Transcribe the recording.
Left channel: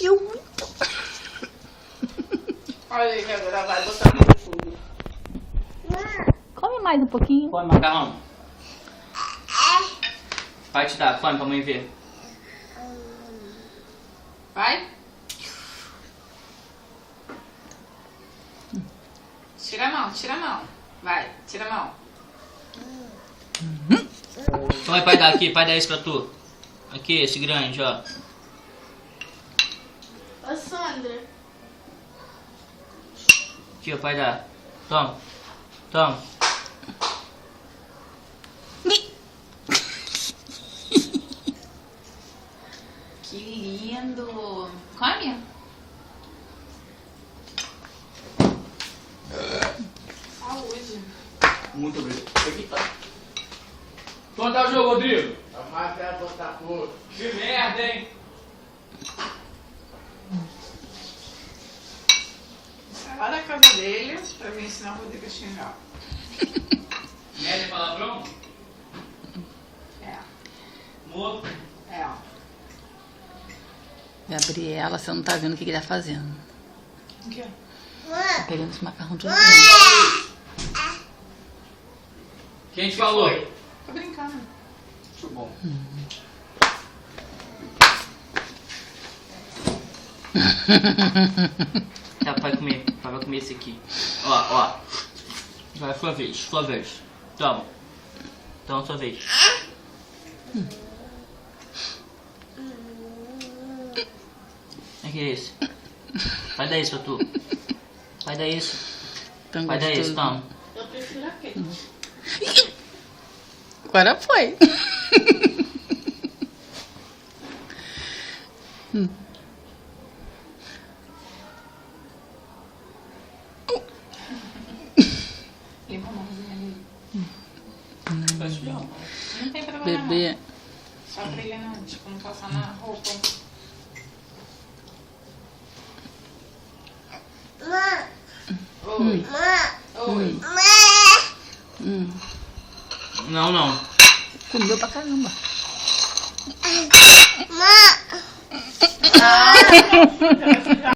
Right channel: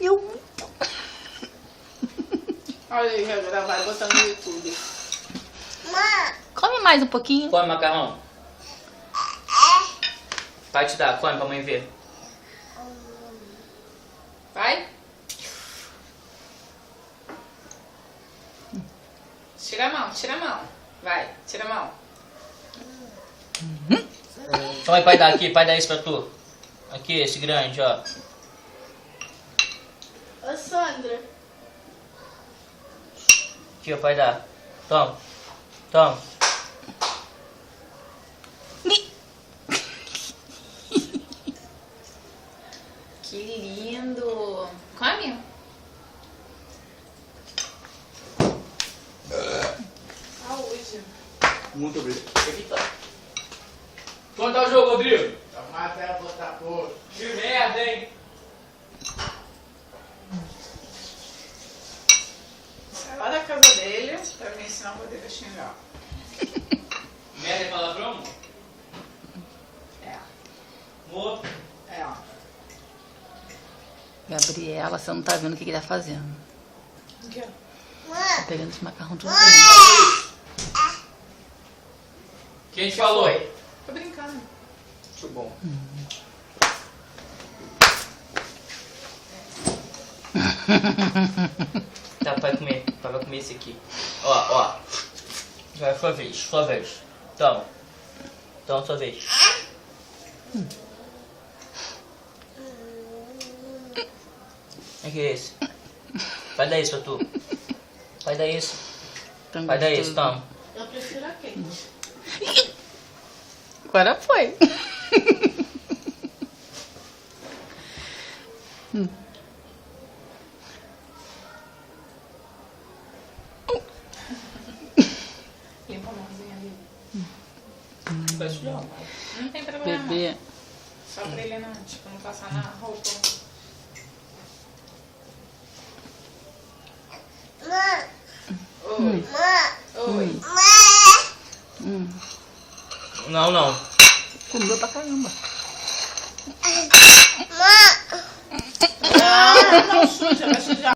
Eu muito. Olha aí, vai gravar e botar no YouTube. Come mais um pouquinho. Come macarrão. Vai te dar, come pra mãe ver. Vai. Tira a mão, tira a mão. Vai, tira a mão. Vai, pai, dar aqui, pai, dar isso pra tu. Aqui, esse grande, ó. Ô, Sandra. Aqui, ó, pai, dá. Toma. Toma. Que lindo. Come. Saúde. Muito obrigado. Aqui tá. Quanto tá o jogo, Rodrigo? Tá mais perto do Botafogo. Que merda, hein? Sai lá da casa dele pra me ensinar o Rodrigo a xingar. Merda é palavrão? É, Morto. é. Gabriela, você não tá vendo o que ele tá fazendo. O quê? Tá pegando esse macarrão tudo bem. Quem te falou? Foi. Tô brincando. Muito bom. Tá, vai comer. Vai comer esse aqui. Ó, ó. Vai, sua vez, sua vez. Toma. Toma, sua vez. O que é esse? Vai dar isso pra tu. Vai dar isso. Tão Vai dar gostoso. isso, toma. Eu prefiro aquele. Agora foi. Limpa a mãozinha ali. Vai sujar. Não tem problema. Bebê. Só pra ele não, tipo, não passar na roupa. Oi. Oi. Não, não. Comeu pra caramba. Ah, não suja, vai sujar.